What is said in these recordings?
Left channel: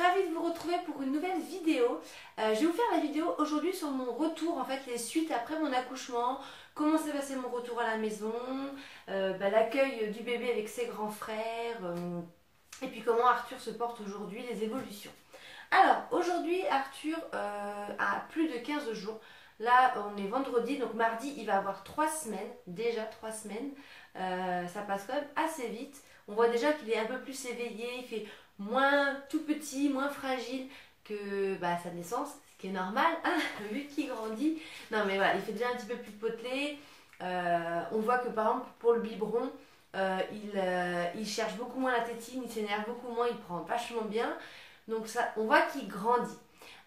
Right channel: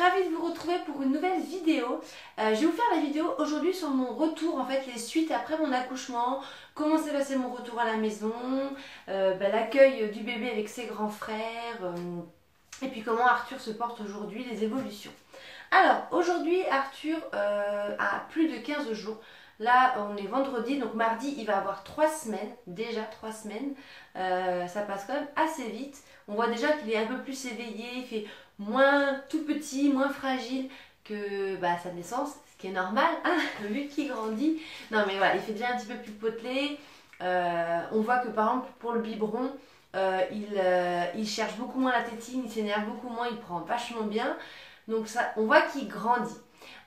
ravie de vous retrouver pour une nouvelle vidéo. Je vais vous faire la vidéo aujourd'hui sur mon retour, en fait les suites après mon accouchement, comment s'est passé mon retour à la maison, l'accueil du bébé avec ses grands frères, et puis comment Arthur se porte aujourd'hui, les évolutions. Alors aujourd'hui Arthur a plus de 15 jours. Là on est vendredi, donc mardi il va avoir 3 semaines, déjà 3 semaines. Ça passe quand même assez vite. On voit déjà qu'il est un peu plus éveillé, il fait moins tout petit, moins fragile que sa naissance, ce qui est normal, hein, vu qu'il grandit. Non mais voilà, il fait déjà un petit peu plus potelé. On voit que par exemple pour le biberon, il cherche beaucoup moins la tétine, il s'énerve beaucoup moins, il prend vachement bien. Donc ça, on voit qu'il grandit.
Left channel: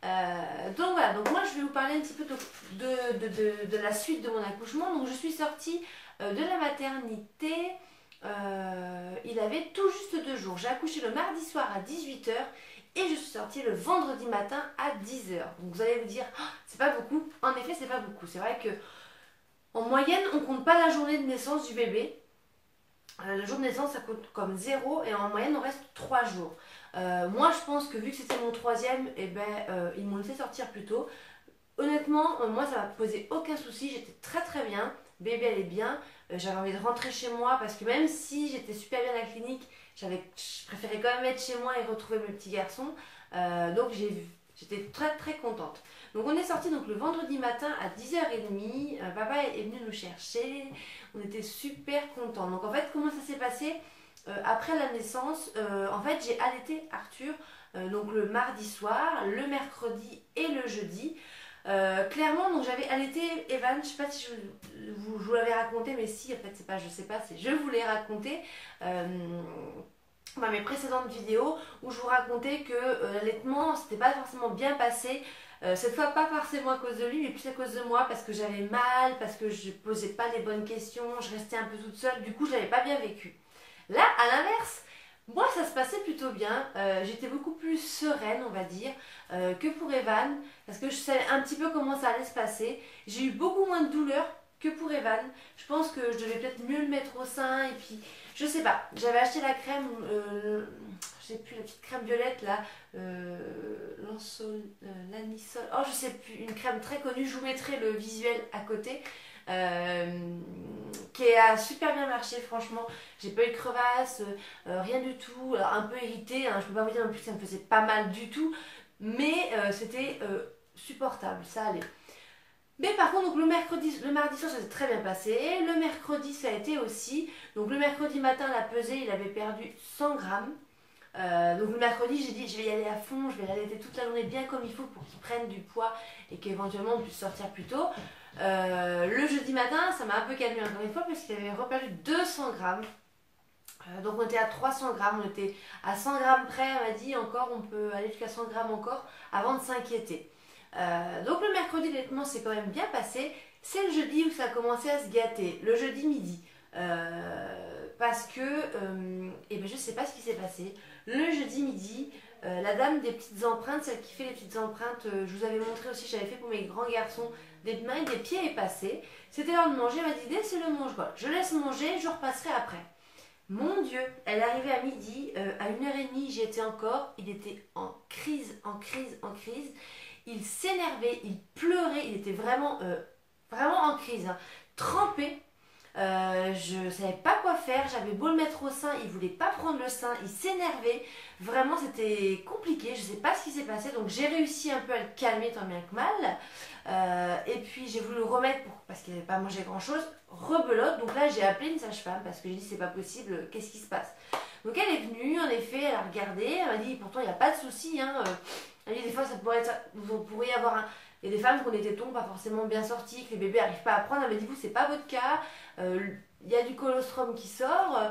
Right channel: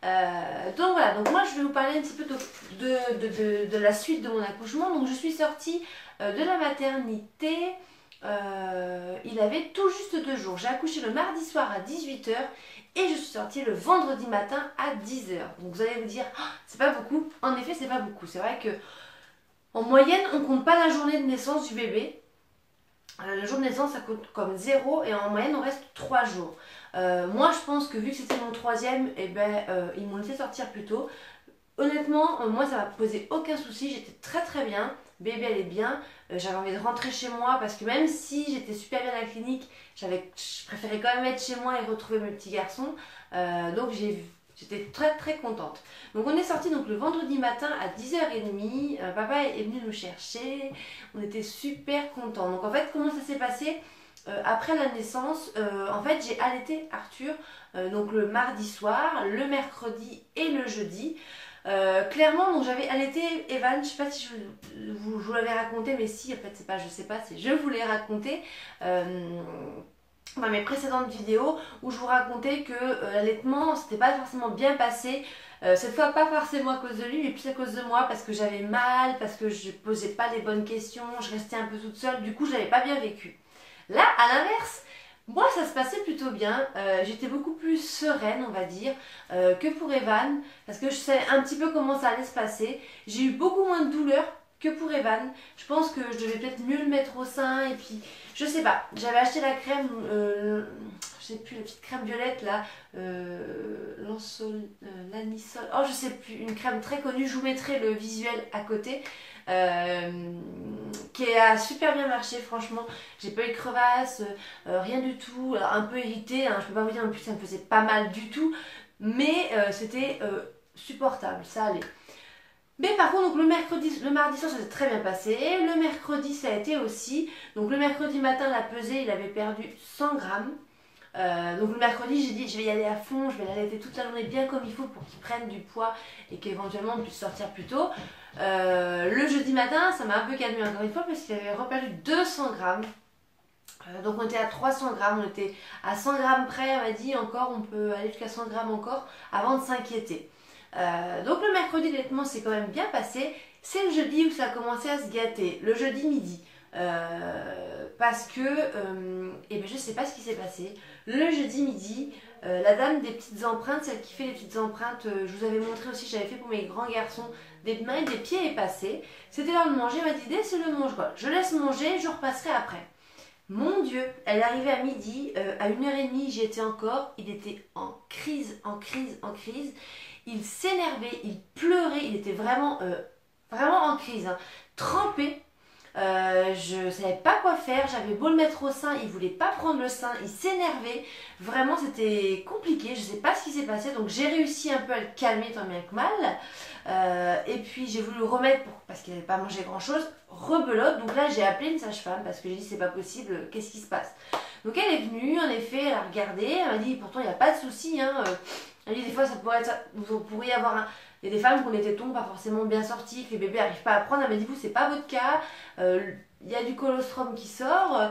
Donc voilà, donc moi je vais vous parler un petit peu de la suite de mon accouchement. Donc je suis sortie de la maternité, il avait tout juste 2 jours. J'ai accouché le mardi soir à 18 h et je suis sortie le vendredi matin à 10 h. Donc vous allez vous dire, oh, c'est pas beaucoup. En effet, c'est pas beaucoup. C'est vrai que en moyenne, on compte pas la journée de naissance du bébé. Le jour de naissance, ça compte comme 0 et en moyenne, on reste 3 jours. Moi, je pense que vu que c'était mon 3e, ils m'ont laissé sortir plus tôt. Honnêtement, moi, ça m'a posé aucun souci. J'étais très bien. Bébé, elle est bien. J'avais envie de rentrer chez moi parce que même si j'étais super bien à la clinique, je préférais quand même être chez moi et retrouver mes petits garçons. Donc j'étais très contente. Donc on est sorti donc le vendredi matin à 10 h 30. Papa est venu nous chercher. On était super contents. Donc en fait, comment ça s'est passé après la naissance? En fait, j'ai allaité Arthur donc le mardi soir, le mercredi et le jeudi. Clairement, donc j'avais allaité Evan, je sais pas si je vous l'avais raconté, mais si, en fait c'est pas je sais pas, c'est je vous l'ai raconté dans mes précédentes vidéos où je vous racontais que l'allaitement c'était pas forcément bien passé. Cette fois pas forcément à cause de lui mais plus à cause de moi parce que j'avais mal, parce que je posais pas les bonnes questions, je restais un peu toute seule, du coup je l'avais pas bien vécu. Là à l'inverse, moi ça se passait plutôt bien, j'étais beaucoup plus sereine on va dire que pour Evan parce que je savais un petit peu comment ça allait se passer. J'ai eu beaucoup moins de douleur que pour Evan, je pense que je devais peut-être mieux le mettre au sein et puis je sais pas, j'avais acheté la crème, je sais plus, la petite crème violette là, l'anisole, oh je sais plus, une crème très connue, je vous mettrai le visuel à côté. Qui a super bien marché franchement, j'ai pas eu de crevasse, rien du tout. Alors, un peu irritée, hein, je peux pas vous dire non plus que ça me faisait pas mal du tout, mais c'était supportable, ça allait. Mais par contre donc le mardi soir ça s'est très bien passé, le mercredi ça a été aussi, donc le mercredi matin la pesée il avait perdu 100 grammes. Donc le mercredi j'ai dit je vais y aller à fond, je vais l'allaiter toute la journée bien comme il faut pour qu'il prenne du poids et qu'éventuellement on puisse sortir plus tôt. Le jeudi matin ça m'a un peu calmé encore une fois parce qu'il avait reperdu 200 grammes. Donc on était à 300 grammes, on était à 100 grammes près, on m'a dit encore on peut aller jusqu'à 100 grammes encore avant de s'inquiéter. Donc le mercredi honnêtement c'est quand même bien passé. C'est le jeudi où ça a commencé à se gâter, le jeudi midi. Parce que je sais pas ce qui s'est passé. Le jeudi midi, la dame des petites empreintes, celle qui fait les petites empreintes, je vous avais montré aussi, j'avais fait pour mes grands garçons, des mains et des pieds est passée. C'était l'heure de manger, elle m'a dit laissez-le manger, je laisse manger, je repasserai après. Mon Dieu, elle est arrivée à midi, à 1 h 30, j'y étais encore, il était en crise. Il s'énervait, il pleurait, il était vraiment en crise, hein, trempé. Je savais pas quoi faire, j'avais beau le mettre au sein, il voulait pas prendre le sein, il s'énervait, vraiment c'était compliqué, je sais pas ce qui s'est passé, donc j'ai réussi un peu à le calmer tant bien que mal. Et puis j'ai voulu le remettre parce qu'il n'avait pas mangé grand chose, rebelote, donc là j'ai appelé une sage-femme parce que j'ai dit c'est pas possible, qu'est-ce qui se passe? Donc elle est venue, en effet, elle a regardé, elle m'a dit pourtant il n'y a pas de souci, hein. Elle dit des fois ça pourrait être, vous pourriez avoir un... Il y a des femmes qui ont des tétons pas forcément bien sortis, que les bébés n'arrivent pas à prendre. Elle m'a dit vous c'est pas votre cas, il y a du colostrum qui sort.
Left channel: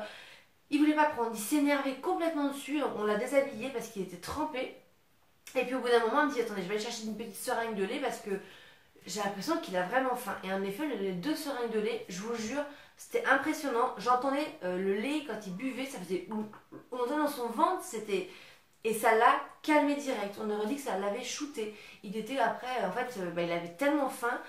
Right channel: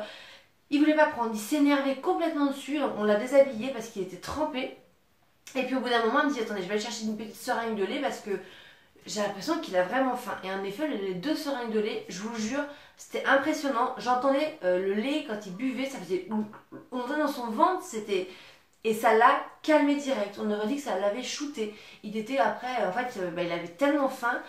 Il voulait pas prendre, il s'énervait complètement dessus, donc on l'a déshabillé parce qu'il était trempé. Et puis au bout d'un moment elle me dit attendez je vais aller chercher une petite seringue de lait parce que j'ai l'impression qu'il a vraiment faim. Et en effet les 2 seringues de lait, je vous jure, c'était impressionnant. J'entendais le lait quand il buvait, ça faisait... On entendait dans son ventre, c'était... Et ça l'a calmé direct. On aurait dit que ça l'avait shooté. Il était après, en fait, il avait tellement faim.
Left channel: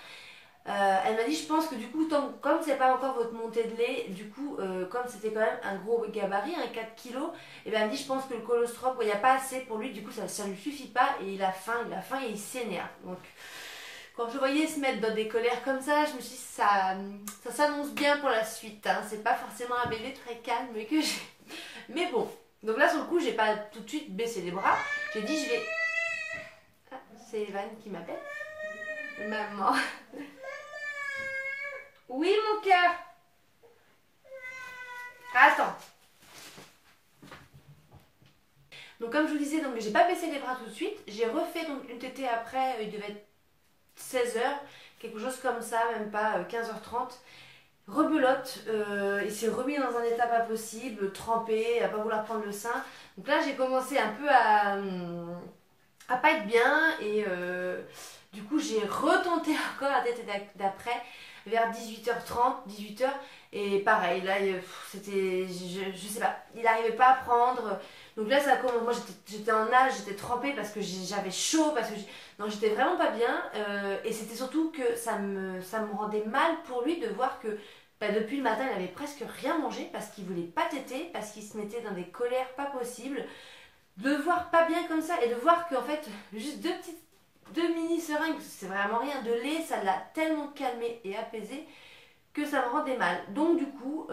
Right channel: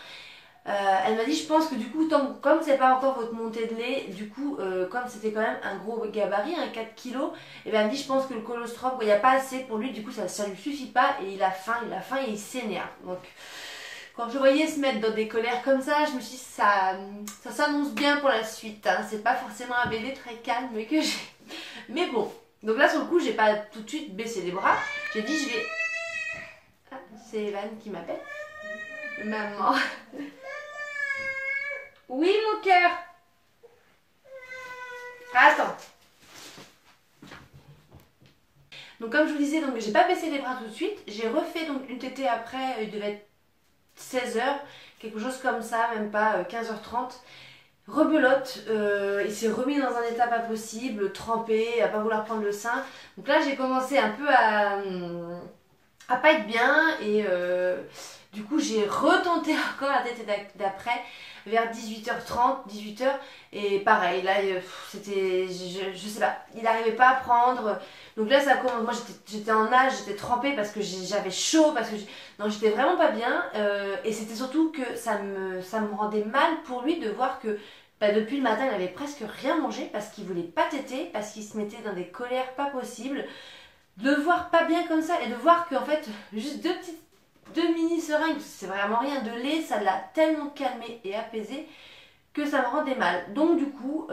Elle m'a dit, je pense que du coup, comme c'est pas encore votre montée de lait, du coup, comme c'était quand même un gros gabarit, un 4 kilos, et ben elle me dit, je pense que le colostrum, il n'y a pas assez pour lui, du coup, ça lui suffit pas, et il a faim et il s'énerve. Donc, quand je voyais se mettre dans des colères comme ça, je me suis dit, ça s'annonce bien pour la suite. Hein. C'est pas forcément un bébé très calme que j'ai. Mais bon, donc là, sur le coup, j'ai pas tout de suite baissé les bras. J'ai dit, je vais. Ah, c'est Evan qui m'appelle. Maman. Oui, mon cœur. Attends. Donc comme je vous disais, donc j'ai pas baissé les bras tout de suite. J'ai refait donc une tétée après, il devait être 16 heures, quelque chose comme ça, même pas 15h30. Rebelote, il s'est remis dans un état pas possible, trempé, à pas vouloir prendre le sein. Donc là j'ai commencé un peu à pas être bien et du coup j'ai retenté encore la tétée d'après vers 18h30, 18h et pareil, là c'était, je sais pas, il n'arrivait pas à prendre. Donc là ça commence, moi j'étais en nage, j'étais trempée parce que j'avais chaud, parce que non, j'étais vraiment pas bien et c'était surtout que ça me rendait mal pour lui de voir que bah, depuis le matin il avait presque rien mangé parce qu'il voulait pas téter, parce qu'il se mettait dans des colères pas possibles. De le voir pas bien comme ça et de voir qu'en fait juste deux mini seringues, c'est vraiment rien, de lait, ça l'a tellement calmé et apaisé que ça me rendait mal. Donc du coup,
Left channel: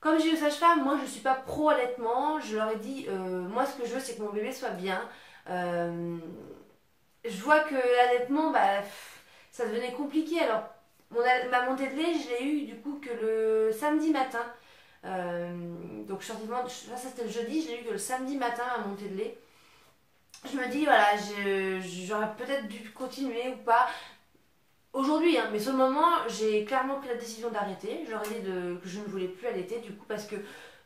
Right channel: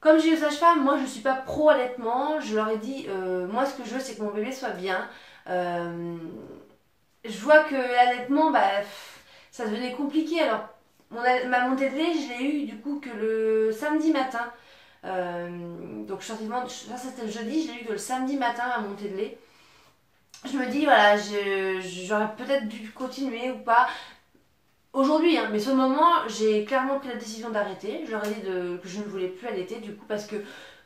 comme j'ai eu sage-femme, moi je suis pas pro allaitement. Je leur ai dit, moi ce que je veux c'est que mon bébé soit bien. Je vois que l'allaitement, bah, ça devenait compliqué. Alors ma montée de lait, je l'ai eu du coup que le samedi matin. Donc je suis sortie ça c'était le jeudi, je l'ai eu que le samedi matin à montée de lait. Je me dis voilà, j'aurais peut-être dû continuer ou pas. Aujourd'hui, hein, mais sur le moment, j'ai clairement pris la décision d'arrêter. Je leur ai dit que je ne voulais plus allaiter du coup parce que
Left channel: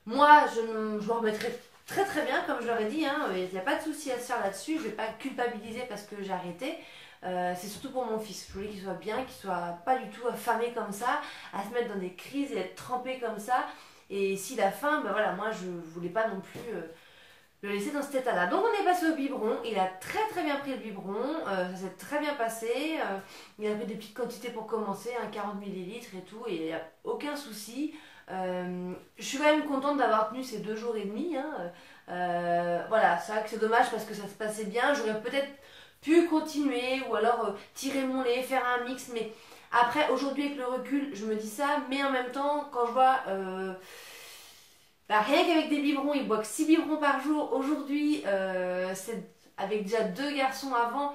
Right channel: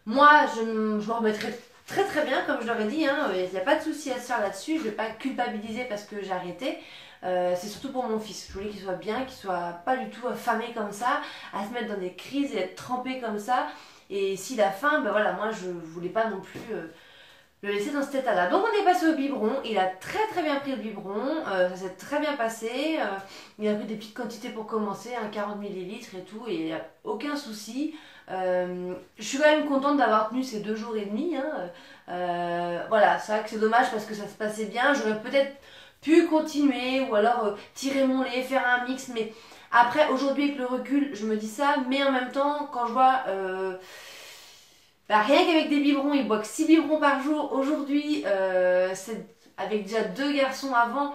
moi, je me remettrai très très bien comme je leur ai dit. Hein, il n'y a pas de souci à se faire là-dessus. Je ne vais pas culpabiliser parce que j'ai arrêté. C'est surtout pour mon fils. Je voulais qu'il soit bien, qu'il soit pas du tout affamé comme ça, à se mettre dans des crises et être trempé comme ça. Et s'il a faim, ben voilà, moi je voulais pas non plus le laisser dans cet état-là. Donc on est passé au biberon, il a très très bien pris le biberon, ça s'est très bien passé, il a pris des petites quantités pour commencer, 40 millilitres et tout, et il n'y a aucun souci. Je suis quand même contente d'avoir tenu ces 2 jours et demi. Hein. Voilà, c'est vrai que c'est dommage parce que ça se passait bien, j'aurais peut-être pu continuer ou alors tirer mon lait, faire un mix, mais après aujourd'hui avec le recul je me dis ça, mais en même temps quand je vois bah, rien qu'avec des biberons, il boit que 6 biberons par jour aujourd'hui, c'est avec déjà 2 garçons avant,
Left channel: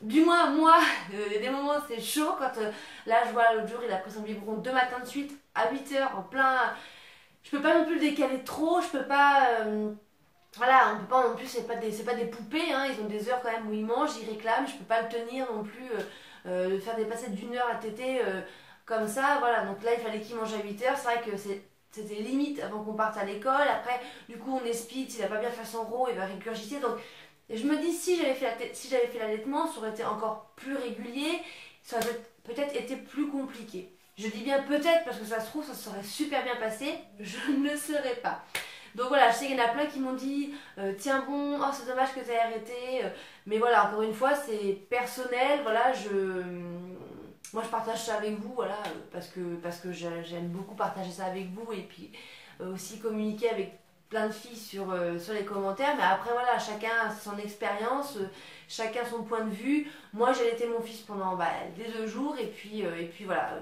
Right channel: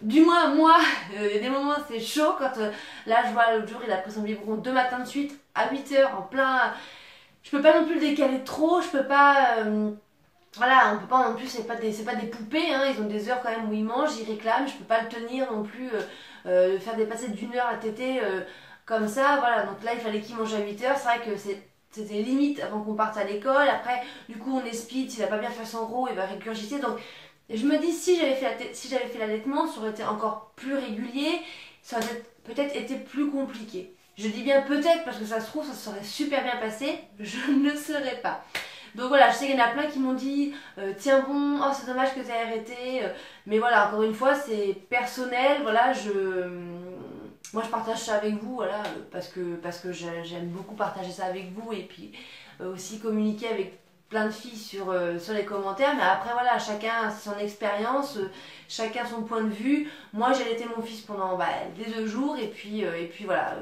du moins moi, il y a des moments c'est chaud quand là je vois l'autre jour il a pris son biberon 2 matins de suite à 8h en plein, je peux pas non plus le décaler trop, je peux pas voilà, on peut pas non plus, c'est pas des poupées, hein, ils ont des heures quand même où ils mangent, ils réclament, je peux pas le tenir non plus, faire dépasser d'1 heure à téter comme ça, voilà, donc là il fallait qu'il mange à 8h, c'est vrai que c'était limite avant qu'on parte à l'école, après du coup on est speed, s'il a pas bien fait son row, il va régurgiter, donc je me dis si j'avais fait l'allaitement, ça aurait été encore plus régulier, ça aurait peut-être été plus compliqué. Je dis bien peut-être parce que ça se trouve ça serait super bien passé, je ne le saurais pas. Donc voilà, je sais qu'il y en a plein qui m'ont dit tiens bon, oh c'est dommage que tu aies arrêté. Mais voilà, encore une fois, c'est personnel. Voilà, moi je partage ça avec vous, voilà, parce que j'aime beaucoup partager ça avec vous et puis aussi communiquer avec plein de filles sur les commentaires. Mais après voilà, chacun a son expérience, chacun son point de vue. Moi j'ai allaité mon fils pendant les 2 jours et puis voilà,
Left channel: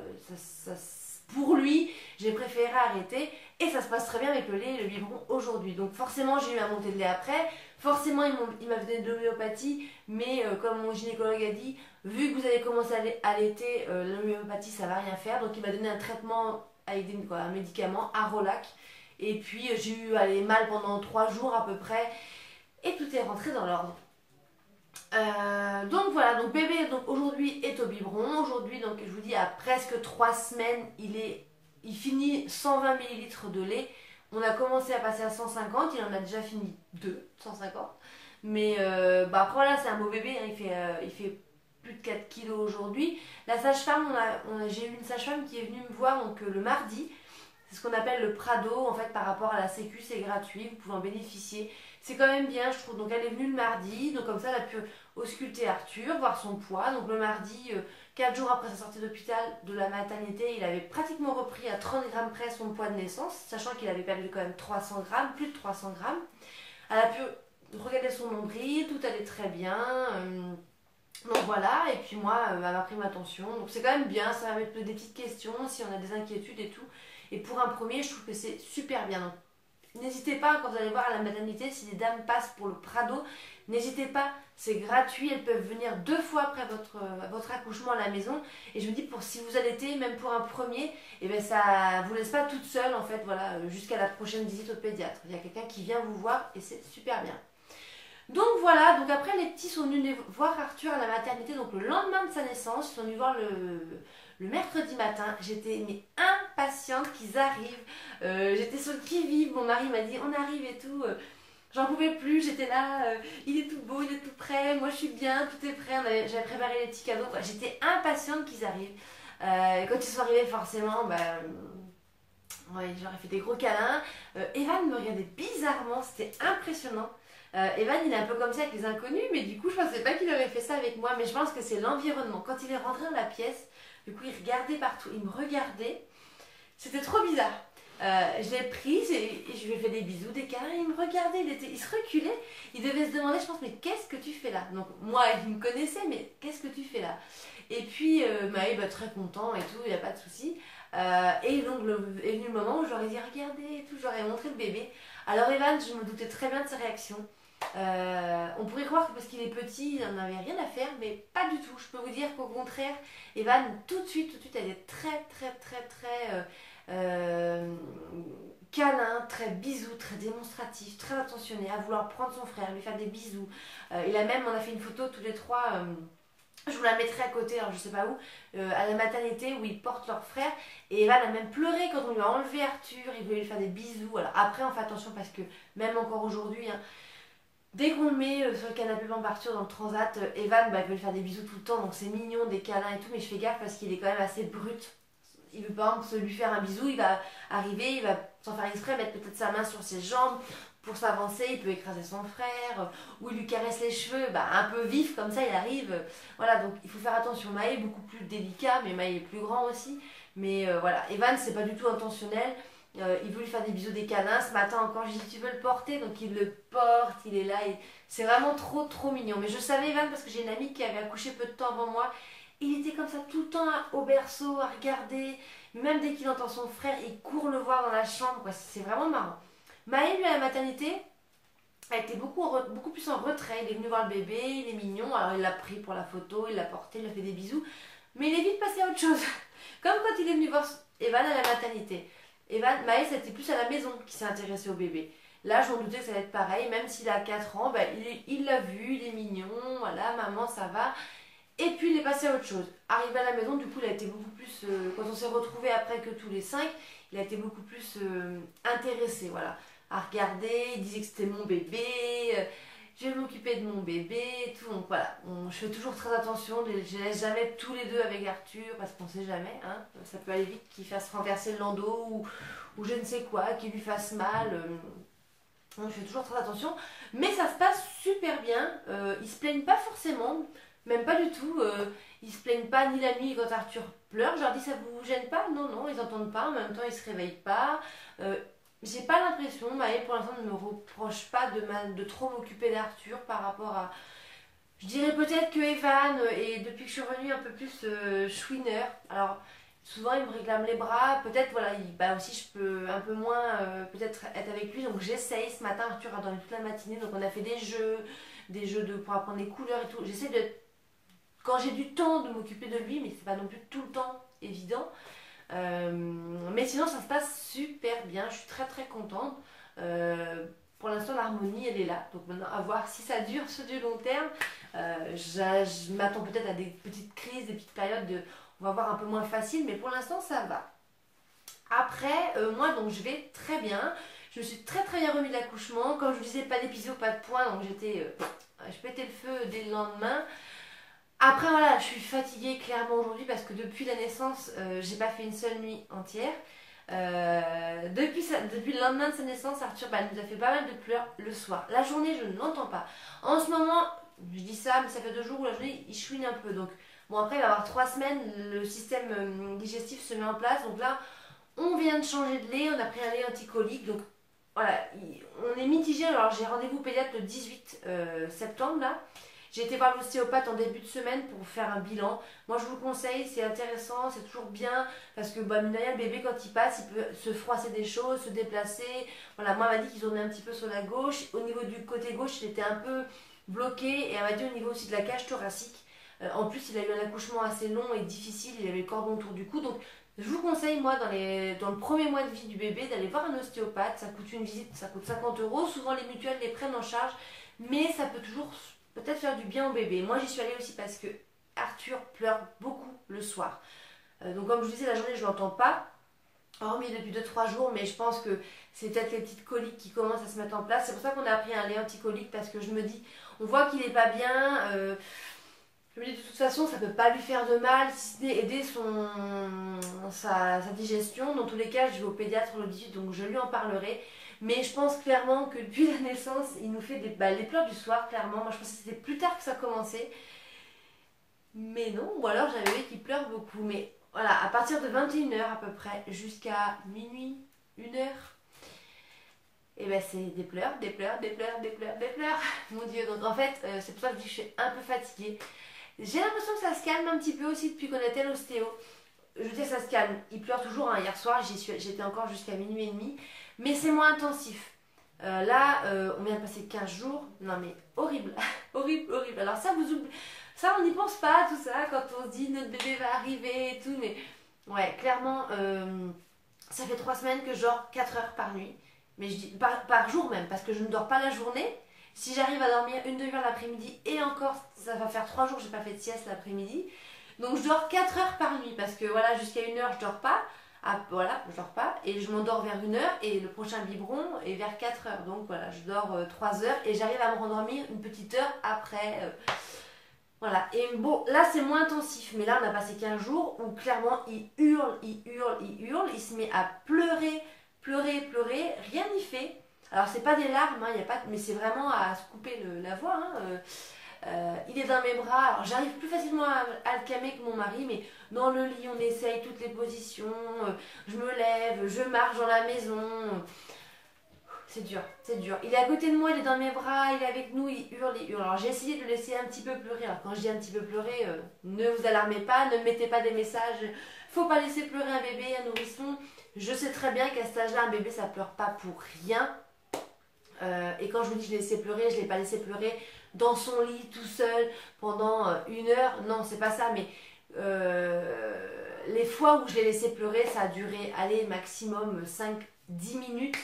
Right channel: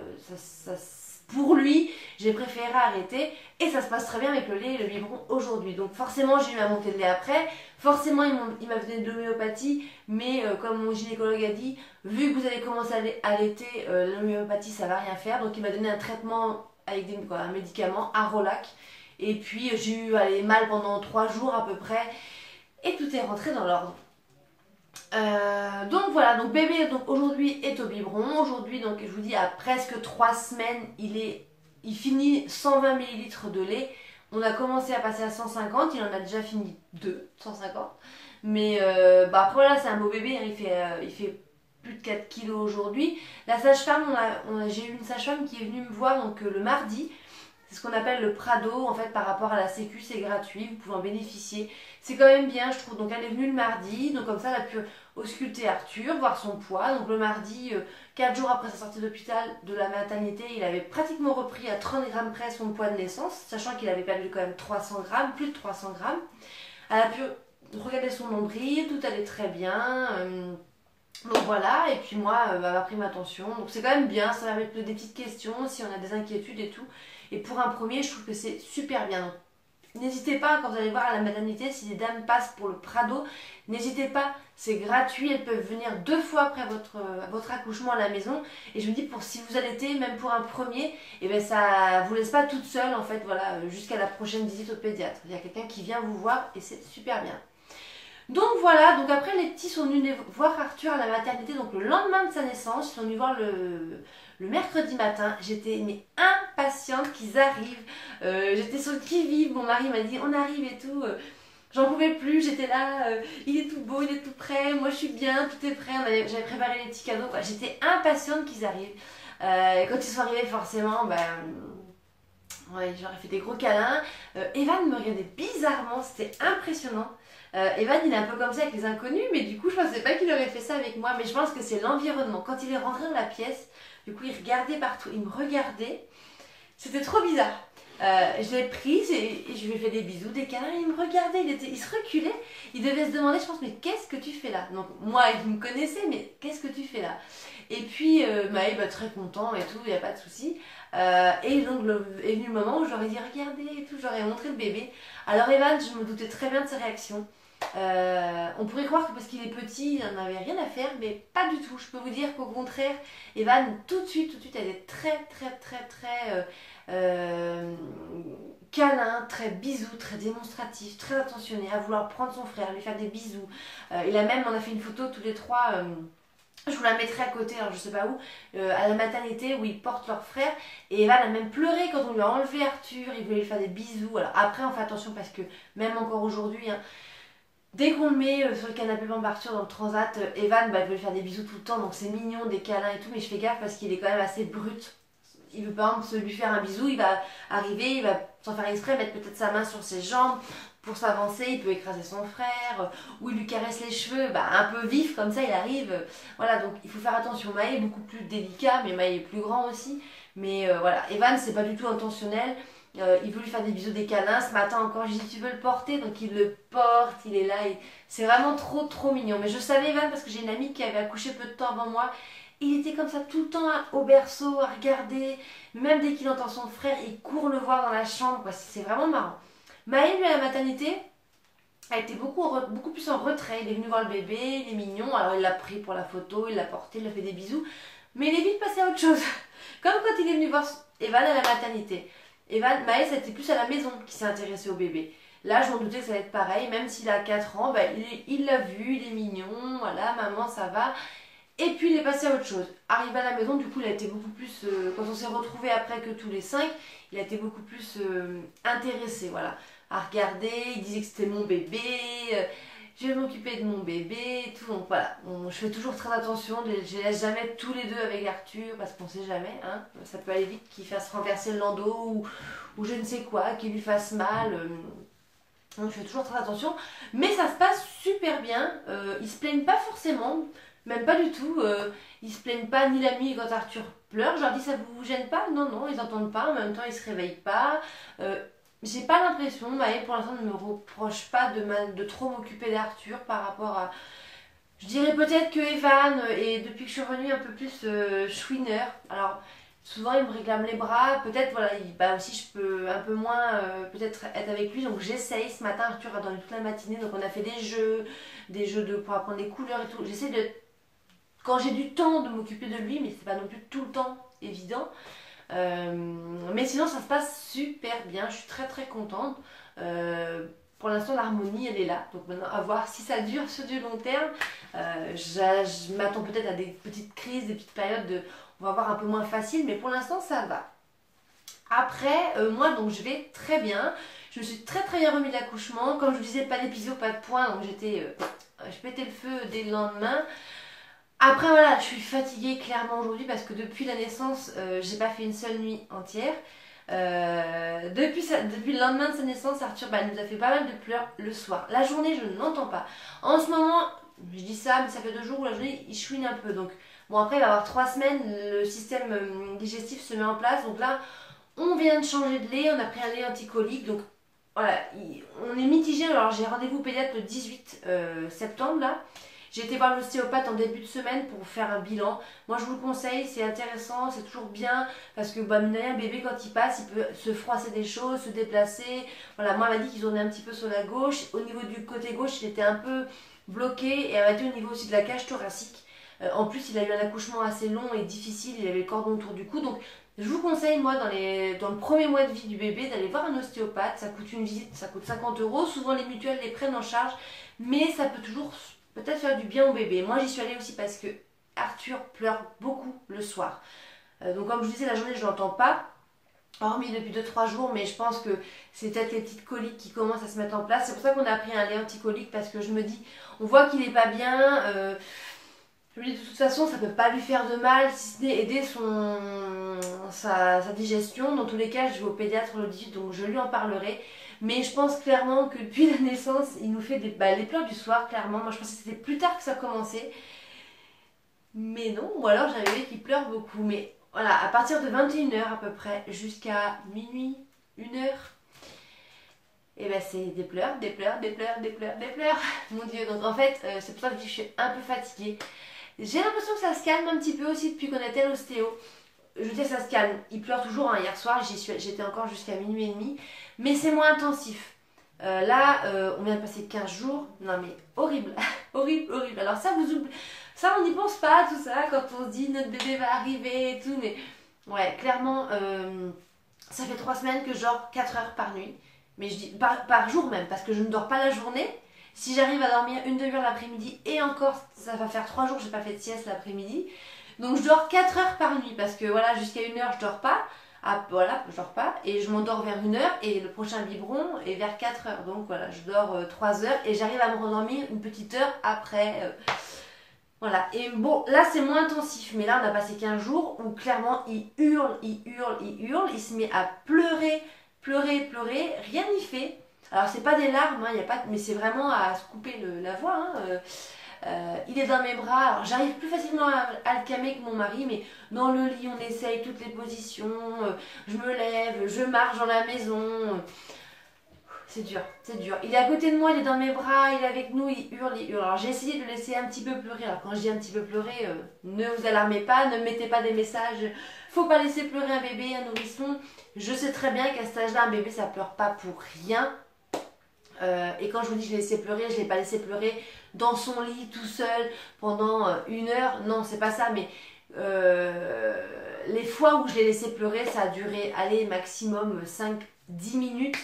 pour lui, j'ai préféré arrêter et ça se passe très bien avec le lait et le biberon aujourd'hui. Donc forcément, j'ai eu ma montée de lait après. Forcément, il m'a donné de l'homéopathie, mais comme mon gynécologue a dit, vu que vous allez commencer à allaiter, l'homéopathie ça va rien faire. Donc il m'a donné un traitement avec un médicament, Arolac. Et puis j'ai eu mal pendant 3 jours à peu près et tout est rentré dans l'ordre. Donc voilà, donc bébé donc aujourd'hui est au biberon. Aujourd'hui, donc je vous dis, à presque 3 semaines, il finit 120 millilitres de lait. On a commencé à passer à 150, il en a déjà fini 150. Mais après voilà, c'est un beau bébé, hein, il fait plus de 4 kilos aujourd'hui. La sage-femme, j'ai eu une sage-femme qui est venue me voir donc le mardi. C'est ce qu'on appelle le Prado, en fait, par rapport à la Sécu, c'est gratuit, vous pouvez en bénéficier. C'est quand même bien, je trouve. Donc elle est venue le mardi, donc comme ça elle a pu ausculter Arthur, voir son poids. Donc le mardi, 4 jours après sa sortie d'hôpital de la maternité, il avait pratiquement repris à 30 grammes près son poids de naissance, sachant qu'il avait perdu quand même 300 grammes, plus de 300 grammes. Elle a pu regarder son nombril, tout allait très bien. Donc voilà, et puis moi, elle m'a pris ma tension. Donc c'est quand même bien, ça va mettre des petites questions si on a des inquiétudes et tout. Et pour un premier, je trouve que c'est super bien. N'hésitez pas, quand vous allez voir à la maternité, si les dames passent pour le Prado, n'hésitez pas, c'est gratuit, elles peuvent venir 2 fois après votre accouchement à la maison. Et je me dis, si vous allaitez, même pour un premier, et ben ça vous laisse pas toute seule en fait, voilà, jusqu'à la prochaine visite au pédiatre. Il y a quelqu'un qui vient vous voir et c'est super bien. Donc voilà, donc après les petits sont venus voir Arthur à la maternité, donc le lendemain de sa naissance, ils sont venus voir le mercredi matin. J'étais impatiente qu'ils arrivent, j'étais sur le qui-vive, mon mari m'a dit on arrive et tout, j'en pouvais plus, j'étais là, il est tout beau, il est tout prêt, moi je suis bien, tout est prêt, j'avais préparé les petits cadeaux, j'étais impatiente qu'ils arrivent. Quand ils sont arrivés forcément, ouais, j'aurais fait des gros câlins. Evan me regardait bizarrement, c'était impressionnant. Evan il est un peu comme ça avec les inconnus, mais du coup je pensais pas qu'il aurait fait ça avec moi, mais je pense que c'est l'environnement. Quand il est rentré dans la pièce, du coup il regardait partout, il me regardait, c'était trop bizarre. Je l'ai prise et je lui ai fait des bisous, des câlins, il me regardait, il se reculait, il devait se demander, je pense, mais qu'est-ce que tu fais là? Donc moi il me connaissait, mais qu'est-ce que tu fais là? Et puis Maë, très content et tout, il n'y a pas de souci. Et donc est venu le moment où j'aurais dit regardez et tout, j'aurais montré le bébé. Alors Evan, je me doutais très bien de sa réaction. On pourrait croire que parce qu'il est petit, il n'en avait rien à faire, mais pas du tout. Je peux vous dire qu'au contraire, Evan, tout de suite, elle est très câlin, très bisou, très démonstratif, très attentionné, à vouloir prendre son frère, lui faire des bisous. On a fait une photo tous les trois. Je vous la mettrai à côté, alors je sais pas où, à la maternité où ils portent leur frère. Et Evan a même pleuré quand on lui a enlevé Arthur, il voulait lui faire des bisous. Alors après, on fait attention parce que même encore aujourd'hui, hein, dès qu'on le met sur le canapé bambou Arthur dans le transat, Evan il veut lui faire des bisous tout le temps, donc c'est mignon, des câlins et tout, mais je fais gaffe parce qu'il est quand même assez brut. Il veut par exemple se lui faire un bisou, il va arriver, il va sans faire exprès mettre peut-être sa main sur ses jambes pour s'avancer, il peut écraser son frère, ou il lui caresse les cheveux, un peu vif comme ça il arrive. Voilà, donc il faut faire attention. Maë est beaucoup plus délicat, mais Maë est plus grand aussi. Mais voilà, Evan c'est pas du tout intentionnel. Il veut lui faire des bisous, des câlins. Ce matin encore, j'ai dit tu veux le porter, donc il le porte, il est là. C'est vraiment trop mignon. Mais je savais Evan parce que j'ai une amie qui avait accouché peu de temps avant moi. Il était comme ça tout le temps au berceau à regarder. Même dès qu'il entend son frère, il court le voir dans la chambre. C'est vraiment marrant. Maë, lui, à la maternité, a été beaucoup plus en retrait. Il est venu voir le bébé, il est mignon. Alors il l'a pris pour la photo, il l'a porté, il lui a fait des bisous. Mais il est vite passé à autre chose. Comme quand il est venu voir Evan à la maternité. Maë, c'était plus à la maison qui s'est intéressé au bébé. Là, je m'en doutais que ça allait être pareil. Même s'il a 4 ans, il l'a vu, il est mignon. Voilà, maman, ça va. Et puis il est passé à autre chose. Arrivé à la maison, du coup, il a été beaucoup plus. Quand on s'est retrouvés après que tous les 5, il a été beaucoup plus intéressé, voilà, à regarder. Il disait que c'était mon bébé. Je vais m'occuper de mon bébé et tout. Donc voilà, je fais toujours très attention. Je les laisse jamais tous les deux avec Arthur parce qu'on sait jamais. Hein, ça peut aller vite qu'il fasse renverser le landau ou je ne sais quoi, qu'il lui fasse mal. Donc je fais toujours très attention. Mais ça se passe super bien. Ils se plaignent pas forcément. Même pas du tout. Ils se plaignent pas ni la nuit quand Arthur pleure. Je leur dis ça vous gêne pas? Non, non, ils n'entendent pas. En même temps, ils se réveillent pas. J'ai pas l'impression, Maë pour l'instant ne me reproche pas de trop m'occuper d'Arthur par rapport à. Je dirais peut-être que Evan est depuis que je suis revenue un peu plus chouineur. Alors souvent il me réclame les bras. Peut-être voilà, aussi je peux un peu moins peut-être être avec lui. Donc j'essaye. Ce matin Arthur a dormi toute la matinée. Donc on a fait des jeux pour apprendre les couleurs et tout. J'essaie de quand j'ai du temps de m'occuper de lui, mais c'est pas non plus tout le temps évident. Mais sinon ça se passe super bien, je suis très contente. Pour l'instant l'harmonie elle est là, donc maintenant à voir si ça dure sur du long terme. Je m'attends peut-être à des petites crises, des petites périodes on va voir un peu moins facile, mais pour l'instant ça va. Après moi donc je vais très bien, je me suis très bien remis de l'accouchement. Comme je vous disais, pas d'épisio, pas de point, donc je pétais le feu dès le lendemain. Après voilà, je suis fatiguée clairement aujourd'hui parce que depuis la naissance, j'ai pas fait une seule nuit entière. Depuis le lendemain de sa naissance, Arthur nous a fait pas mal de pleurs le soir. La journée, je ne l'entends pas. En ce moment, je dis ça, mais ça fait 2 jours où la journée, il chouine un peu. Donc, bon, après, il va y avoir 3 semaines, le système digestif se met en place. Donc là, on vient de changer de lait, on a pris un lait anticolique. Donc, voilà, on est mitigé. Alors, j'ai rendez-vous pédiatre le 18 septembre, là. J'ai été voir l'ostéopathe en début de semaine pour faire un bilan. Moi, je vous le conseille, c'est intéressant, c'est toujours bien. Parce que, mine de rien, le bébé, quand il passe, il peut se froisser des choses, se déplacer. Voilà, moi, elle m'a dit qu'ils en est un petit peu sur la gauche. Au niveau du côté gauche, il était un peu bloqué. Et elle m'a dit au niveau aussi de la cage thoracique. En plus, il a eu un accouchement assez long et difficile. Il avait le cordon autour du cou. Donc, je vous conseille, moi, dans le premier mois de vie du bébé, d'aller voir un ostéopathe. Ça coûte une visite, ça coûte 50 euros. Souvent, les mutuelles les prennent en charge. Mais ça peut toujours peut-être faire du bien au bébé. Moi, j'y suis allée aussi parce que Arthur pleure beaucoup le soir. Donc, comme je vous disais, la journée, je ne l'entends pas. Hormis depuis 2-3 jours, mais je pense que c'est peut-être les petites coliques qui commencent à se mettre en place. C'est pour ça qu'on a pris un lait anticolique parce que je me dis, on voit qu'il n'est pas bien. Je me dis de toute façon, ça peut pas lui faire de mal, si ce n'est aider sa digestion. Dans tous les cas, je vais au pédiatre le 18, donc je lui en parlerai. Mais je pense clairement que depuis la naissance, il nous fait les pleurs du soir, clairement. Moi, je pensais que c'était plus tard que ça commençait. Mais non, ou alors j'ai un bébé qui pleure beaucoup. Mais voilà, à partir de 21h à peu près, jusqu'à minuit, 1h, et ben c'est des pleurs, des pleurs, des pleurs, des pleurs, des pleurs. Mon Dieu, donc en fait, c'est pour ça que je dis que je suis un peu fatiguée. J'ai l'impression que ça se calme un petit peu aussi depuis qu'on était à l'ostéo. Je veux dire, ça se calme. Il pleure toujours. Hein. Hier soir, j'étais encore jusqu'à minuit et demi. Mais c'est moins intensif. Là, on vient de passer 15 jours. Non, mais horrible. Horrible, horrible. Alors, ça, ça, on n'y pense pas, tout ça, quand on se dit notre bébé va arriver et tout. Mais ouais, clairement, ça fait 3 semaines que je dors 4 heures par nuit. Mais je dis par jour même, parce que je ne dors pas la journée. Si j'arrive à dormir une demi-heure l'après-midi, et encore, ça va faire 3 jours que je n'ai pas fait de sieste l'après-midi. Donc je dors 4 heures par nuit, parce que voilà, jusqu'à 1h je dors pas. Ah, voilà, je dors pas. Et je m'endors vers 1h, et le prochain biberon est vers 4 heures. Donc voilà, je dors 3 heures, et j'arrive à me rendormir une petite heure après. Voilà, et bon, là c'est moins intensif, mais là on a passé 15 jours où clairement il hurle, il hurle, il hurle, il se met à pleurer, pleurer, pleurer, rien n'y fait. Alors c'est pas des larmes, hein, y a pas mais c'est vraiment à se couper la voix. Hein. Il est dans mes bras, alors j'arrive plus facilement à le calmer que mon mari, mais dans le lit on essaye toutes les positions, je me lève, je marche dans la maison. C'est dur, c'est dur. Il est à côté de moi, il est dans mes bras, il est avec nous, il hurle, il hurle. Alors j'ai essayé de le laisser un petit peu pleurer. Alors quand je dis un petit peu pleurer, ne vous alarmez pas, ne mettez pas des messages. Faut pas laisser pleurer un bébé, un nourrisson. Je sais très bien qu'à cet âge-là, un bébé ça pleure pas pour rien. Et quand je vous dis que je l'ai laissé pleurer, je l'ai pas laissé pleurer dans son lit tout seul pendant 1 heure. Non, c'est pas ça, mais les fois où je l'ai laissé pleurer, ça a duré, allez, maximum 5-10 minutes.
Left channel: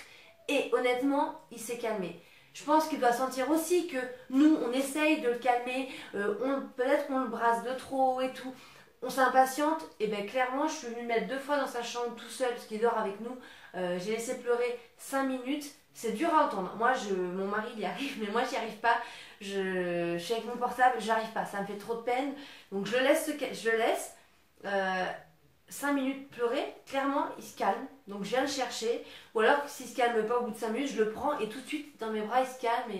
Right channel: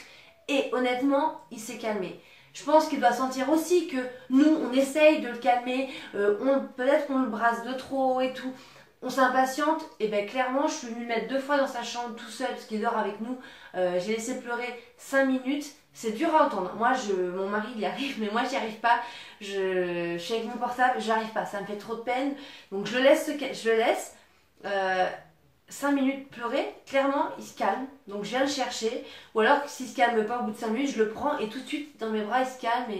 Et honnêtement, il s'est calmé. Je pense qu'il doit sentir aussi que nous, on essaye de le calmer. Peut-être qu'on le brasse de trop et tout. On s'impatiente. Et bien clairement, je suis venue le mettre 2 fois dans sa chambre tout seul parce qu'il dort avec nous. J'ai laissé pleurer 5 minutes. C'est dur à entendre. Moi, mon mari, il y arrive, mais moi, j'y arrive pas. Je suis avec mon portable, j'arrive pas. Ça me fait trop de peine. Donc, je le laisse. 5 minutes pleurer, clairement il se calme, donc je viens le chercher, ou alors s'il se calme pas au bout de 5 minutes, je le prends et tout de suite dans mes bras il se calme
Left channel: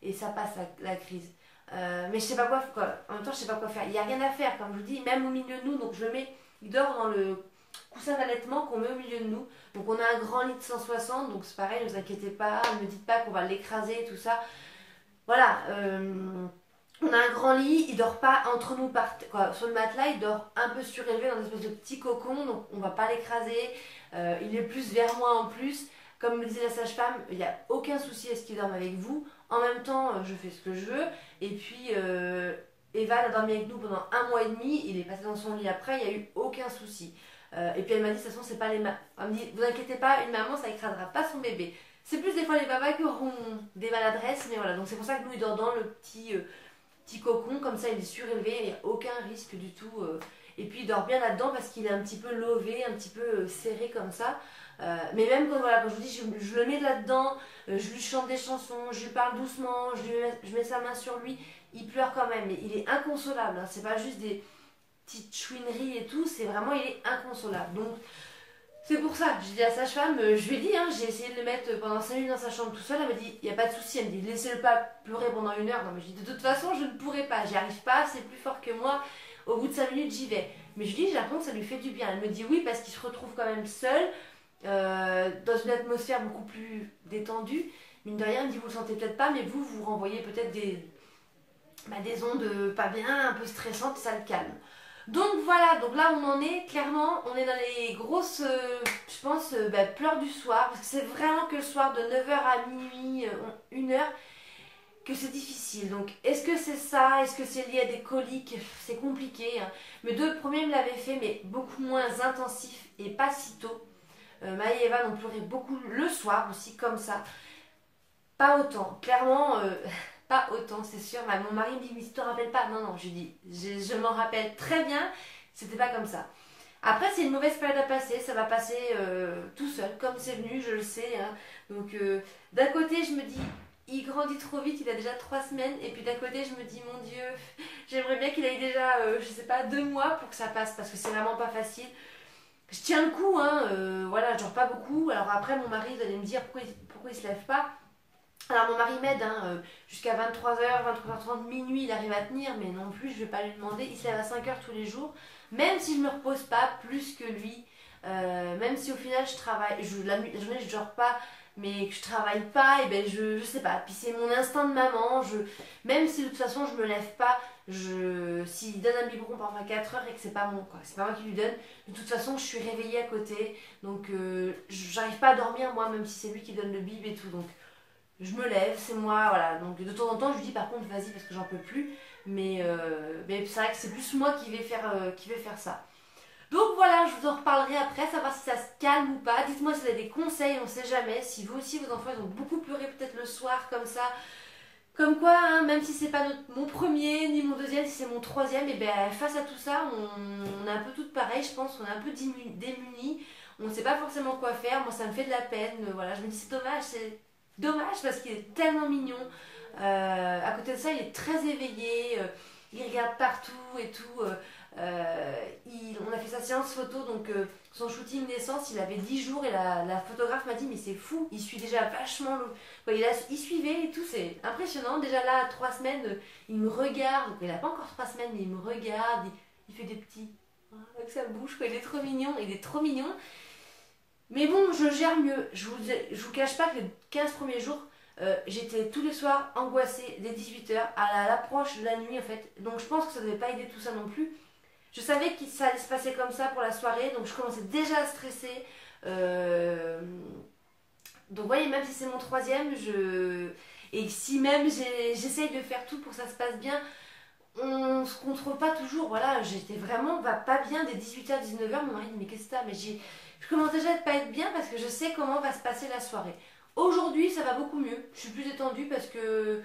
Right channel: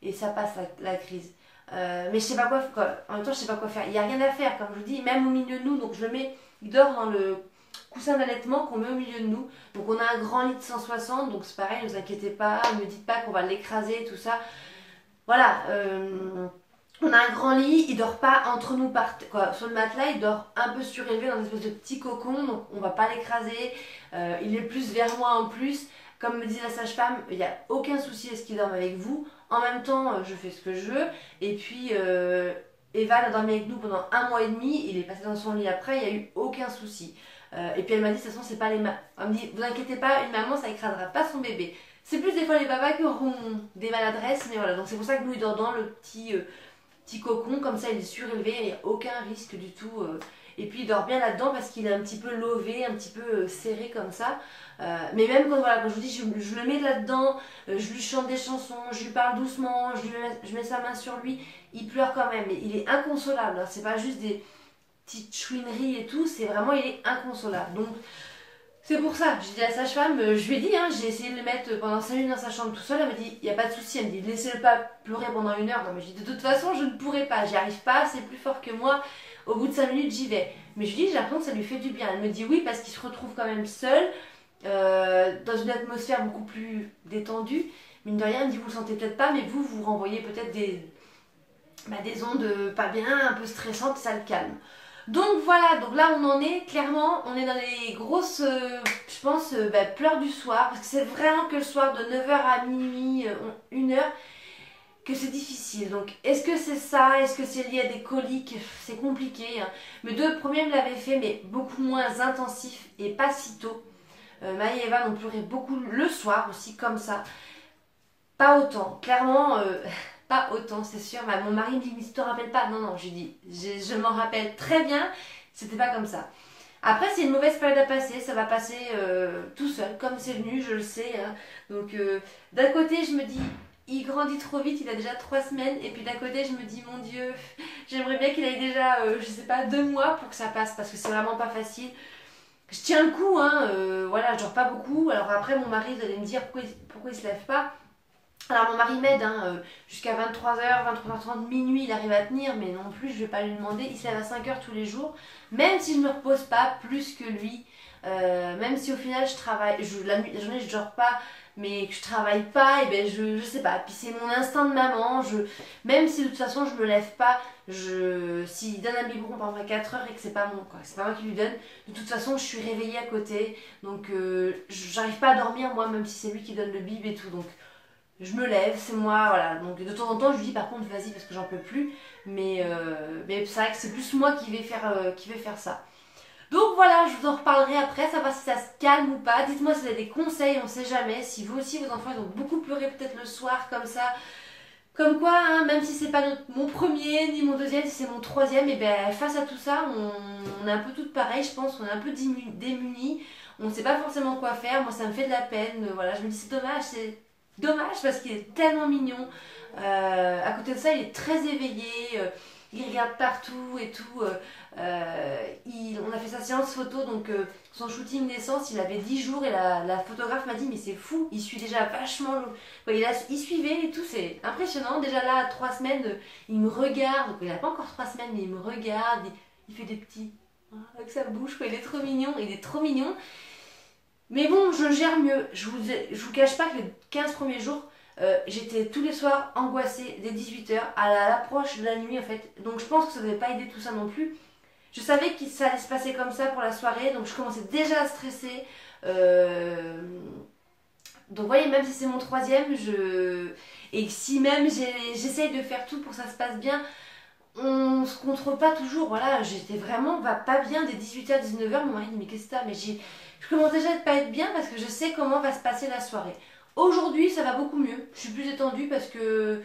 et ça passe la crise. Mais je sais pas quoi, en même temps je sais pas quoi faire, il n'y a rien à faire comme je vous dis, même au milieu de nous, donc je le mets, il dort dans le coussin d'allaitement qu'on met au milieu de nous, donc on a un grand lit de 160, donc c'est pareil, ne vous inquiétez pas, ne me dites pas qu'on va l'écraser, tout ça, voilà. On a un grand lit, il dort pas entre nous sur le matelas, il dort un peu surélevé dans une espèce de petit cocon, donc on va pas l'écraser. Il est plus vers moi en plus. Comme me disait la sage-femme, il n'y a aucun souci à ce qu'il dorme avec vous. En même temps, je fais ce que je veux. Et puis, Evan a dormi avec nous pendant 1 mois et demi. Il est passé dans son lit après, il n'y a eu aucun souci. Et puis elle m'a dit, de toute façon, c'est pas les mamans. Elle me dit, vous inquiétez pas, une maman, ça écrasera pas son bébé. C'est plus des fois les papas qui auront des maladresses, mais voilà. Donc c'est pour ça que nous, il dort dans le petit cocon, comme ça il est surélevé, il n'y a aucun risque du tout. Et puis il dort bien là-dedans parce qu'il est un petit peu lové, un petit peu serré comme ça. Mais même quand je vous dis, je le mets là-dedans, je lui chante des chansons, je lui parle doucement, je mets sa main sur lui, il pleure quand même. Mais il est inconsolable, hein. C'est pas juste des petites chouineries et tout, c'est vraiment, il est inconsolable. Donc C'est pour ça, j'ai dit à la sage-femme, je lui ai dit, hein, j'ai essayé de le mettre pendant 5 minutes dans sa chambre tout seul, elle m'a dit, il n'y a pas de souci, elle me dit, laissez-le pas pleurer pendant 1 heure. Non mais j'ai dit, de toute façon, je ne pourrai pas, j'y arrive pas, c'est plus fort que moi, au bout de 5 minutes, j'y vais. Mais je lui dis, j'ai l'impression que ça lui fait du bien. Elle me dit oui, parce qu'il se retrouve quand même seul, dans une atmosphère beaucoup plus détendue. Mine de rien, elle me dit, vous le sentez peut-être pas, mais vous renvoyez peut-être des ondes pas bien, un peu stressantes, ça le calme. Donc voilà, donc là on en est, clairement, on est dans les grosses, je pense, pleurs du soir, parce que c'est vraiment que le soir de 9 heures à minuit, 1 heure, que c'est difficile. Donc est-ce que c'est ça, est-ce que c'est lié à des coliques? C'est compliqué, hein. Mes 2 premiers me l'avaient fait, mais beaucoup moins intensif et pas si tôt. Maë et Eva ont pleuré beaucoup le soir aussi, comme ça. Pas autant, clairement, pas autant, c'est sûr. Mon mari me dit, mais tu te rappelles pas? Non, non, je lui dis, je m'en rappelle très bien, c'était pas comme ça. Après, c'est une mauvaise période à passer, ça va passer tout seul, comme c'est venu, je le sais, hein. Donc, d'un côté, je me dis, il grandit trop vite, il a déjà 3 semaines, et puis d'un côté, je me dis, mon Dieu, j'aimerais bien qu'il ait déjà, je sais pas, 2 mois pour que ça passe, parce que c'est vraiment pas facile. Je tiens le coup, hein, voilà, je dors pas beaucoup. Alors après, mon mari, vous allez me dire pourquoi il se lève pas. Alors mon mari m'aide, hein, jusqu'à 23 h, 23 h 30, minuit, il arrive à tenir, mais non plus, je vais pas lui demander. Il se lève à 5 h tous les jours, même si je me repose pas plus que lui, même si au final je travaille, la journée je dors pas, mais que je travaille pas, et ben je sais pas. Puis c'est mon instinct de maman, même si de toute façon je me lève pas, s'il donne un biberon pendant 4 heures et que c'est pas mon, quoi, c'est pas moi qui lui donne, de toute façon je suis réveillée à côté, donc j'arrive pas à dormir moi, même si c'est lui qui donne le bib et tout, donc je me lève, c'est moi, voilà. Donc de temps en temps, je lui dis par contre, vas-y parce que j'en peux plus. Mais c'est vrai que c'est plus moi qui vais faire ça. Donc voilà, je vous en reparlerai après, savoir si ça se calme ou pas. Dites-moi si vous avez des conseils, on sait jamais. Si vous aussi, vos enfants, ils ont beaucoup pleuré peut-être le soir comme ça. Comme quoi, hein, même si c'est pas mon premier, ni mon deuxième, si c'est mon troisième, et ben face à tout ça, on est un peu toutes pareilles, je pense. On est un peu démunis. On ne sait pas forcément quoi faire. Moi, ça me fait de la peine. Voilà, je me dis, c'est dommage, parce qu'il est tellement mignon. À côté de ça, il est très éveillé. Il regarde partout et tout. On a fait sa séance photo, donc son shooting naissance, il avait 10 jours et la photographe m'a dit, mais c'est fou, il suit déjà vachement. Il suivait et tout, c'est impressionnant. Déjà là, à 3 semaines, il me regarde. Il n'a pas encore 3 semaines, mais il me regarde. Il fait des petits, avec sa bouche, quoi. Il est trop mignon. Il est trop mignon. Mais bon, je gère mieux. Je vous cache pas que les 15 premiers jours, j'étais tous les soirs angoissée dès 18 h à l'approche de la nuit en fait. Donc je pense que ça ne devait pas aider tout ça non plus. Je savais que ça allait se passer comme ça pour la soirée, donc je commençais déjà à stresser. Donc vous voyez, même si c'est mon troisième, et si même j'essaye de faire tout pour que ça se passe bien, on se contrôle pas toujours. Voilà, j'étais vraiment pas bien dès 18 h 19 h. Mon mari dit, mais qu'est-ce que t'as? Mais je commence déjà à ne pas être bien parce que je sais comment va se passer la soirée. Aujourd'hui, ça va beaucoup mieux. Je suis plus détendue parce que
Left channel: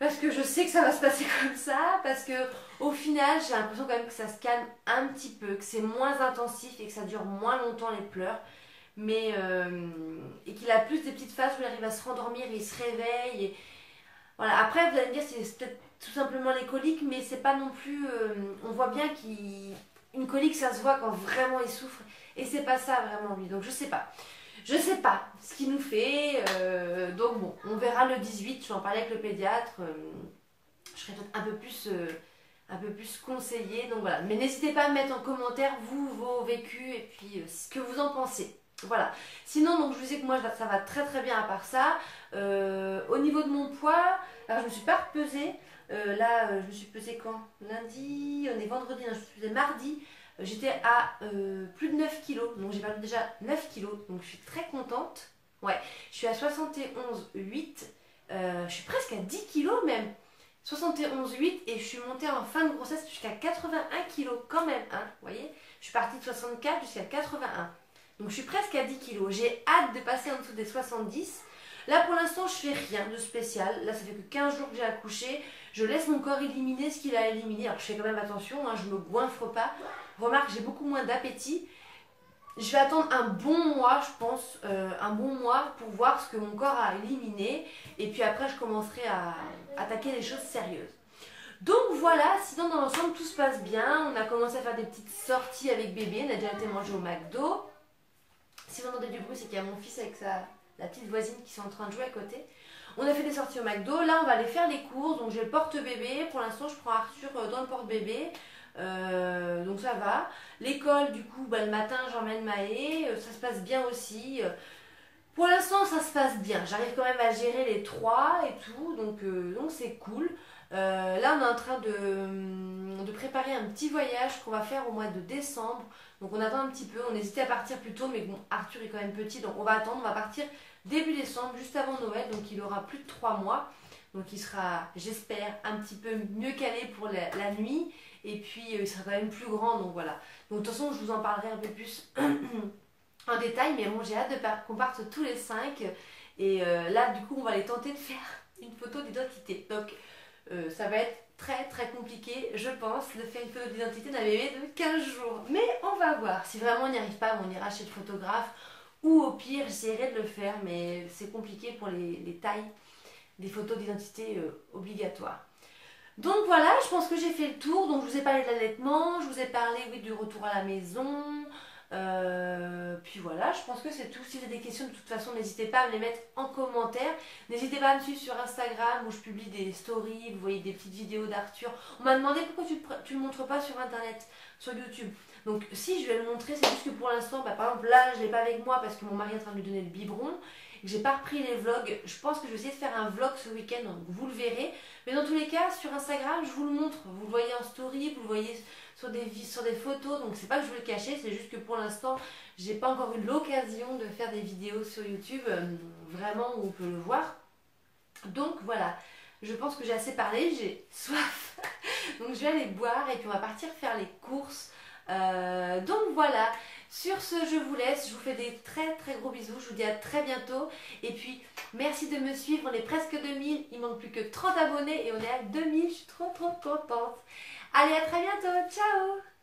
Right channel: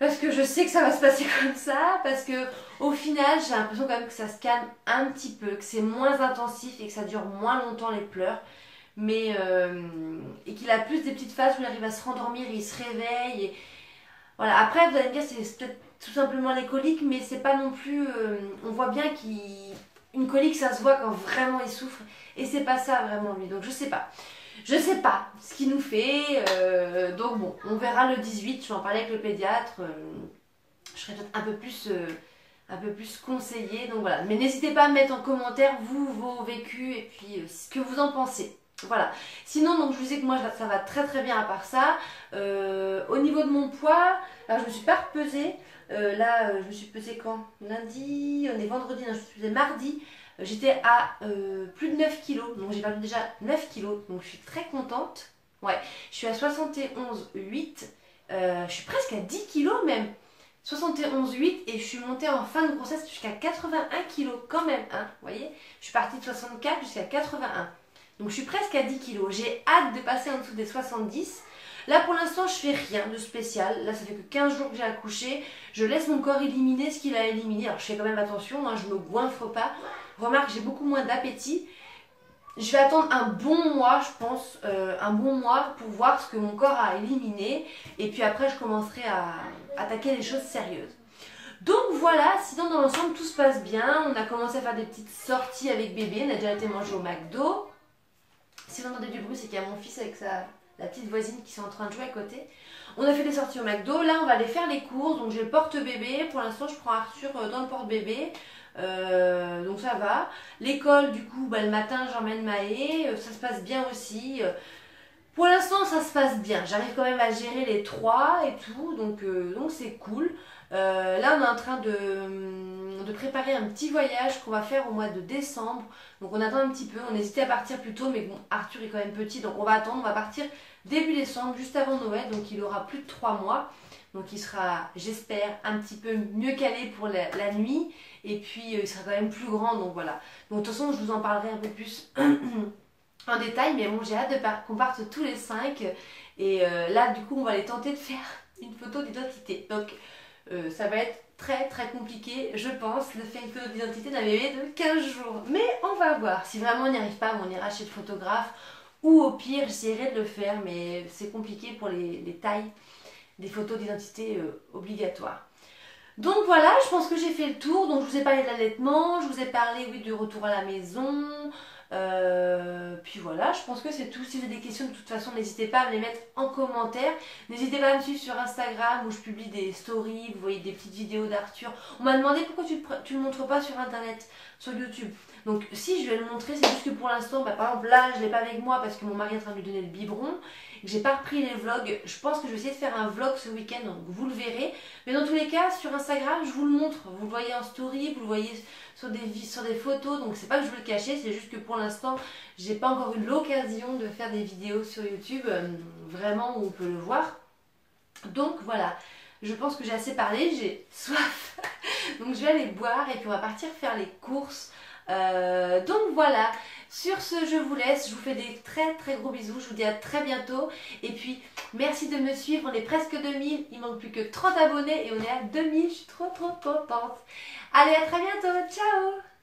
je sais que ça va se passer comme ça. Parce que au final, j'ai l'impression quand même que ça se calme un petit peu, que c'est moins intensif et que ça dure moins longtemps les pleurs. Et qu'il a plus des petites phases où il arrive à se rendormir et il se réveille. Voilà. Après, vous allez me dire, c'est peut-être tout simplement les coliques, mais c'est pas non plus. On voit bien qu'une colique, ça se voit quand vraiment il souffre. Et c'est pas ça vraiment lui. Donc je sais pas. Je sais pas ce qu'il nous fait. Donc bon, on verra le 18. Je vais en parler avec le pédiatre. Je serai peut-être un peu plus conseillée. Donc voilà. Mais n'hésitez pas à mettre en commentaire vos vécus et puis ce que vous en pensez. Voilà. Sinon, donc je vous disais que moi ça va très très bien à part ça. Au niveau de mon poids, alors je me suis pas repesée. Là, je me suis pesée quand? Lundi, on est vendredi, non, je me suis pesée mardi. J'étais à plus de 9 kilos, donc j'ai perdu déjà 9 kilos, donc je suis très contente. Ouais, je suis à 71,8, je suis presque à 10 kilos même. 71,8 et je suis montée en fin de grossesse jusqu'à 81 kilos quand même, hein, vous voyez. Je suis partie de 64 jusqu'à 81, donc je suis presque à 10 kilos. J'ai hâte de passer en dessous des 70. Là pour l'instant je fais rien de spécial, là ça fait que 15 jours que j'ai accouché, je laisse mon corps éliminer ce qu'il a éliminé, alors je fais quand même attention, hein, je me goinfre pas. Remarque, j'ai beaucoup moins d'appétit. Je vais attendre un bon mois, je pense, un bon mois pour voir ce que mon corps a éliminé. Et puis après, je commencerai à attaquer les choses sérieuses. Donc voilà, sinon dans l'ensemble, tout se passe bien. On a commencé à faire des petites sorties avec bébé. On a déjà été manger au McDo. Si vous entendez du bruit, c'est qu'il y a mon fils avec la petite voisine qui sont en train de jouer à côté. On a fait des sorties au McDo. Là, on va aller faire les courses. Donc, j'ai le porte-bébé. Pour l'instant, je prends Arthur dans le porte-bébé. Donc, ça va. L'école, du coup, le matin, j'emmène Maë. Ça se passe bien aussi. Pour l'instant, ça se passe bien. J'arrive quand même à gérer les trois et tout. Donc c'est cool. Là, on est en train de préparer un petit voyage qu'on va faire au mois de décembre. Donc, on attend un petit peu. On hésitait à partir plus tôt. Mais bon, Arthur est quand même petit. Donc, on va attendre. On va partir début décembre, juste avant Noël, donc il aura plus de 3 mois. Donc il sera, j'espère, un petit peu mieux calé pour la nuit. Et puis il sera quand même plus grand, donc voilà. Donc de toute façon, je vous en parlerai un peu plus en détail. Mais bon, j'ai hâte qu'on parte tous les 5. Et là, du coup, on va aller tenter de faire une photo d'identité. Donc ça va être très très compliqué, je pense, de faire une photo d'identité d'un bébé de 15 jours. Mais on va voir. Si vraiment on n'y arrive pas, on ira chez le photographe. Ou au pire, j'essaierai de le faire, mais c'est compliqué pour les tailles des photos d'identité obligatoires. Donc voilà, je pense que j'ai fait le tour. Donc je vous ai parlé de l'allaitement, je vous ai parlé, oui, du retour à la maison. Puis voilà, je pense que c'est tout. Si vous avez des questions, de toute façon, n'hésitez pas à me les mettre en commentaire. N'hésitez pas à me suivre sur Instagram où je publie des stories, vous voyez des petites vidéos d'Arthur. On m'a demandé pourquoi tu le montres pas sur Internet, sur YouTube. Donc si je vais le montrer, c'est juste que pour l'instant, par exemple là, je ne l'ai pas avec moi parce que mon mari est en train de lui donner le biberon. Et que j'ai pas repris les vlogs. Je pense que je vais essayer de faire un vlog ce week-end, donc vous le verrez. Mais dans tous les cas, sur Instagram, je vous le montre. Vous le voyez en story, vous le voyez sur des photos. Donc c'est pas que je veux le cacher, c'est juste que pour l'instant, j'ai pas encore eu l'occasion de faire des vidéos sur YouTube, vraiment où on peut le voir. Donc voilà, je pense que j'ai assez parlé, j'ai soif. Donc je vais aller boire et puis on va partir faire les courses. Donc voilà, sur ce je vous laisse, je vous fais des très très gros bisous, je vous dis à très bientôt et puis merci de me suivre, on est presque 2000, il manque plus que 30 abonnés et on est à 2000, je suis trop contente. Allez, à très bientôt, ciao.